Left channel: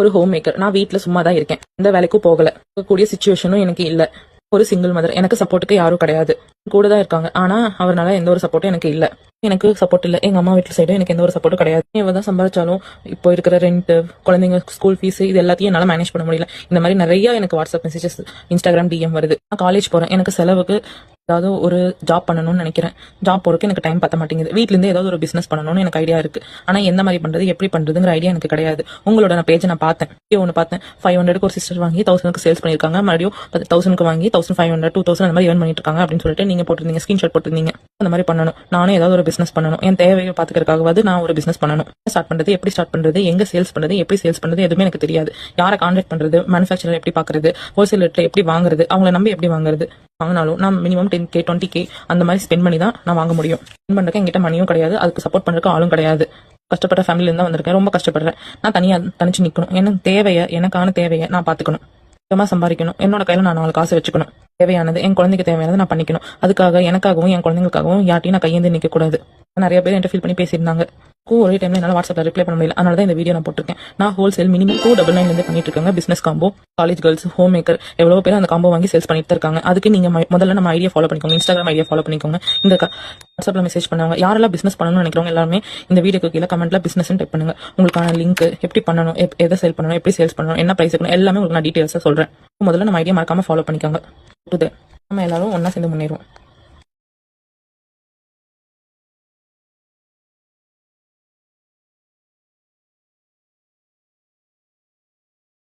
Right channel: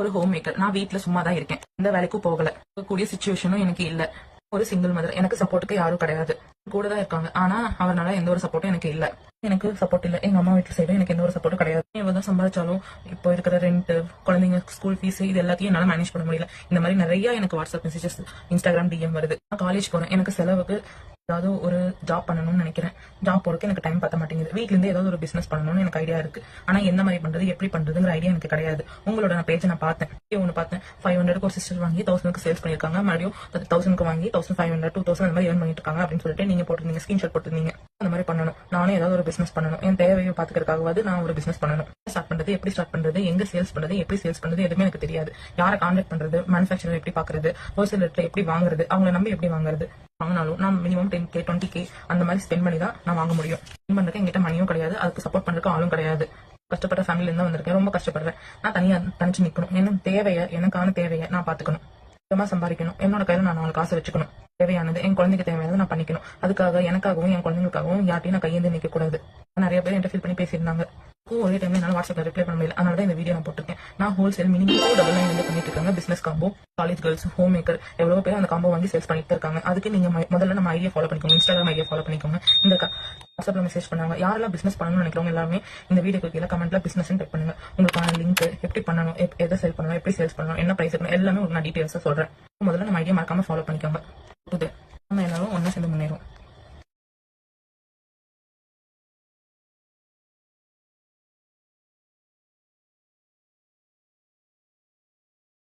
ஒரு home maker. நான் வீட்ல சும்மா தான் இருக்கேன். எந்த வேலைக்கும் போகல. கூடிய சிச்சுவேஷனும் எனக்கு இல்ல. ஒரு சிங்கிள் மதர். எனக்கு சப்போர்ட்டுக்கு யாரும் கிடையாது. கூட தான் இருக்காங்க. ஆனா அவர்னால எந்த ஒரு சப்போர்ட்டும் எனக்கு இல்ல. எனக்கு சப்போர்ட் இல்ல. எங்க அம்மா வீட்டு சைடும் எனக்கு எந்த ஒரு சப்போர்ட்டும் கிடையாது. இவ தான் சம்பாதிச்சாலும் இப்போ இருக்கிற ரெண்ட், குழந்தைங்க ஸ்கூல் ஃபீஸ் இது எல்லாத்தையும் என்னால மேனேஜ் பண்ண முடியல. இந்த மாதிரி நிறைய எனக்கு வாட்ஸ்அப் மெசேஜஸ், இன்ஸ்டாகிராம் டிஎம் வருது. நான் காலேஜ் போறேன். எனக்கு செலவுக்கு ஏதாவது ஒரு ஜாப் பண்ணணும்னு நினைக்கிறேன். ஜாப் போறதுக்கு எனக்கு டைம் பத்த மாட்டேங்குது. வீட்ல இருந்து ஏதாவது ஒரு பிசினஸ் பண்ணணும்னு எனக்கு ஐடியா இருக்கு. ஆனா எந்த மாதிரி பண்றது, எப்படி பண்றதுங்கிற ஐடியா எனக்கு கிடையாது. உங்களோட நான் பேஜை நான் பார்த்தேன். ஒன்று பார்த்தேன். 500க்கு ஒரு சிஸ்டர் வாங்கி 1000க்கு சேல்ஸ் பண்ணிருக்காங்க. மறுபடியும் 10,000க்கு வாங்கி 1500 2000 அந்த மாதிரி ஏர்ன் பண்ணிட்டு இருக்காங்க அப்படின்னு சொல்லிட்டு நீங்க போட்டிருந்தீங்க, ஸ்கிரீன்ஷாட் போட்டிருந்தீங்க. அந்த மாதிரி பண்ணணும். நானே ஏதாவது ஒரு பிசினஸ் பண்ணணும். என் தேவையை பாத்துக்கிறதுக்காகவாது நான் ஒரு பிசினஸ் பண்ணணும். ஸ்டார்ட் பண்றது, எப்படி ஸ்டார்ட் பண்றது, எங்க சேல்ஸ் பண்றது, எப்படி சேல்ஸ் பண்றது எதுவுமே எனக்கு தெரியாது. யாரை கான்டாக்ட் பண்றது, மேனுஃபேக்சரர் எப்படி பாக்குறது, ஹோல்சேலர்ட்ட எப்படி வாங்குறது, அவங்கள நம்பி எப்படி வாங்குறது. வாங்கினாலும் நான் மினிமம் 10K 20K அந்த மாதிரி ஸ்பெண்ட் பண்ணி தான் நான் வாங்க முடியும். ஸ்பெண்ட் பண்றதுக்கு என்கிட்ட மணியும் கிடையாது. அதுக்கு சப்போர்ட் பண்றதுக்கு ஆளும் கிடையாது. கஷ்டப்பட்ட ஃபேமிலில இருந்தா வந்திருக்கேன். ரொம்ப கஷ்டப்படுறேன். நான் தனியா தனிச்சு நிக்கணும். எனக்கு தேவையை, எனக்கான தேவையை நான் பாத்துக்கணும். சம்பாதிக்கணும். என்னோட கையில நான் 4 காசு வச்சுக்கணும். தேவையானது, என் குழந்தைக்கு தேவையானது நான் பண்ணிக்கணும். அதுக்காக எனக்காகவும் என் குழந்தைங்களுக்காகவும் யார்ட்டையும் நான் கையேந்து நிக்க கூடாது. நிறைய பேர் என்கிட்ட ஃபீல் பண்ணி பேசியிருந்தாங்க. ஒரே டைம்ல என்னால வாட்ஸ்அப்ல ரிப்ளை பண்ண முடியல. அதனால தான் இந்த வீடியோ நான் போட்டிருக்கேன். நான் ஹோல்சேல் மினிமம் 299 பண்ணிட்டு இருக்காங்க. Business combo, college girls, home maker எவ்வளவு பேர் அந்த காம்போ வாங்கி சேல்ஸ் பண்ணிட்டு இருக்காங்க. அதுக்கு நீங்க முதல்ல நம்ம ஐடியா ஃபாலோ பண்ணிக்கோங்க. இன்ஸ்டாகிராம் ஐடியா ஃபாலோ பண்ணிக்கோங்க. இந்த வாட்ஸ்அப்ல மெசேஜ் பண்ணுவாங்க. யாரெல்லாம் பிசினஸ் பண்ணணும்னு நினைக்கிறவங்க எல்லாருமே இந்த வீடியோக்கு கீழே கமெண்ட்ல பிசினஸ் டைப் பண்ணுங்க. உங்களுக்கான லிங்க், எப்படி பண்ணணும், எதை சேல் பண்ணணும், எப்படி சேல்ஸ் பண்ணணும், என்ன பிரைஸ் இருக்கணும், எல்லாமே உங்களுக்கு நான் டீடைல்ஸா சொல்றேன். முதல்ல நம்ம ஐடியா மறக்காம ஃபாலோ பண்ணிக்கோங்க. நம்ம எல்லாரும் ஒன்னா சேர்ந்து முன்னேறுவோம்.